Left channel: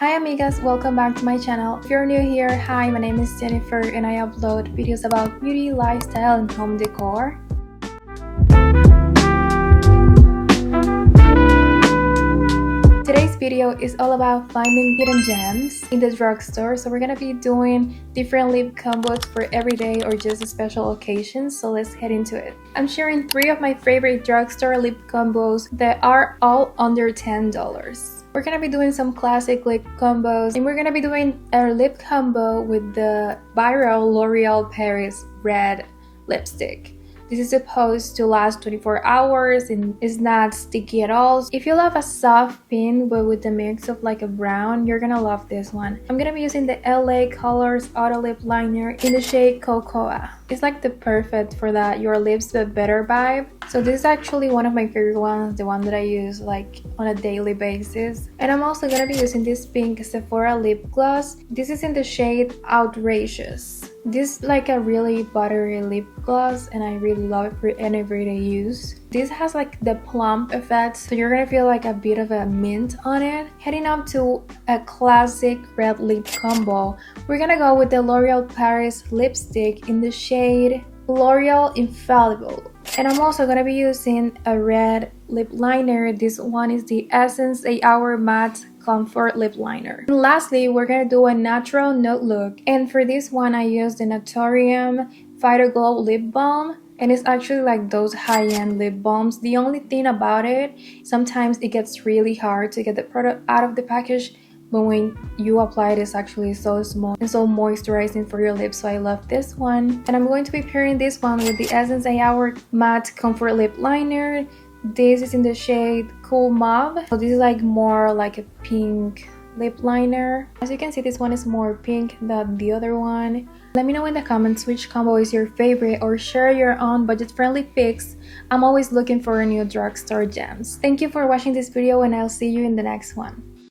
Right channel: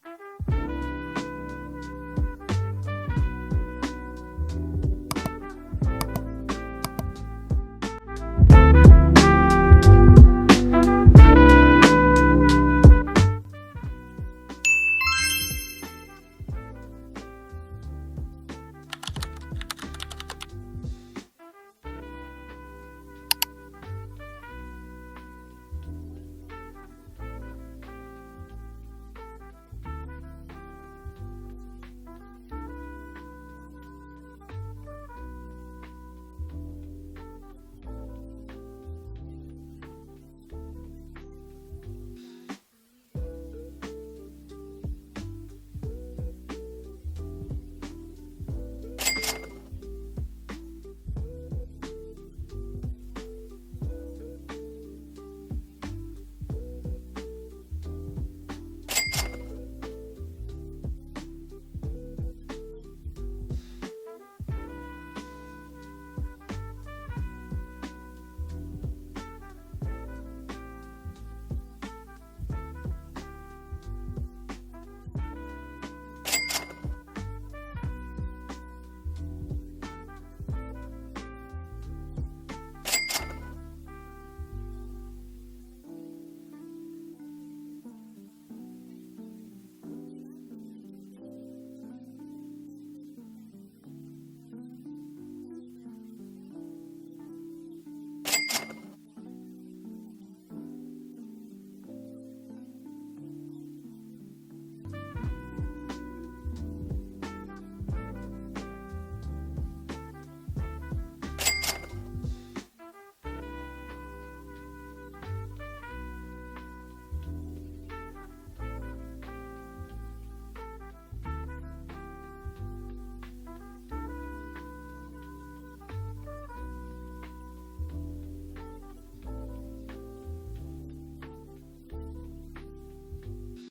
Hi amigas, welcome back to my channel. If you're new here, hi, my name is Jennifer and I upload videos about beauty, lifestyle, and home decor. Today's video is all about finding hidden gems in the drugstore. So we're gonna be doing different lip combos for everyday or just special occasions. So let's head into it. I'm sharing 3 of my favorite drugstore lip combos that are all under $10. We're gonna be doing some classic lip combos, and we're gonna be doing a lip combo with the viral L'Oreal Paris red lipstick. This is supposed to last 24 hours and is not sticky at all. If you love a soft pink but with the mix of like a brown, you're gonna love this one. I'm gonna be using the LA Colors Auto Lip Liner in the shade Cocoa. It's like the perfect for that your lips but better vibe. So this is actually one of my favorite ones, the one that I use like on a daily basis. And I'm also gonna be using this pink Sephora lip gloss. This is in the shade Outrageous. This is like a really buttery lip gloss and I really love it for any everyday use. This has like the plump effect, so you're gonna feel like a bit of a mint on it. Heading up to a classic red lip combo, we're gonna go with the L'Oreal Paris lipstick in the shade L'Oreal Infallible. And I'm also gonna be using a red lip liner. This one is the Essence 8 Hour Matte Comfort Lip Liner. And lastly, we're gonna do a natural nude look. And for this one, I used the Naturium Fighter Glow Lip Balm. And it's actually like those high-end lip balms. The only thing about it, sometimes it gets really hard to get the product out of the package. But when you apply it, it's actually so small and so moisturizing for your lips, so I love this one. And I'm going to be pairing this one with the Essence 8 Hour Matte Comfort Lip Liner. This is in the shade Cool Mauve. So this is like more like a pink lip liner. As you can see, this one is more pink than the other one. Let me know in the comments which combo is your favorite or share your own budget-friendly picks. I'm always looking for new drugstore gems. Thank you for watching this video and I'll see you in the next one.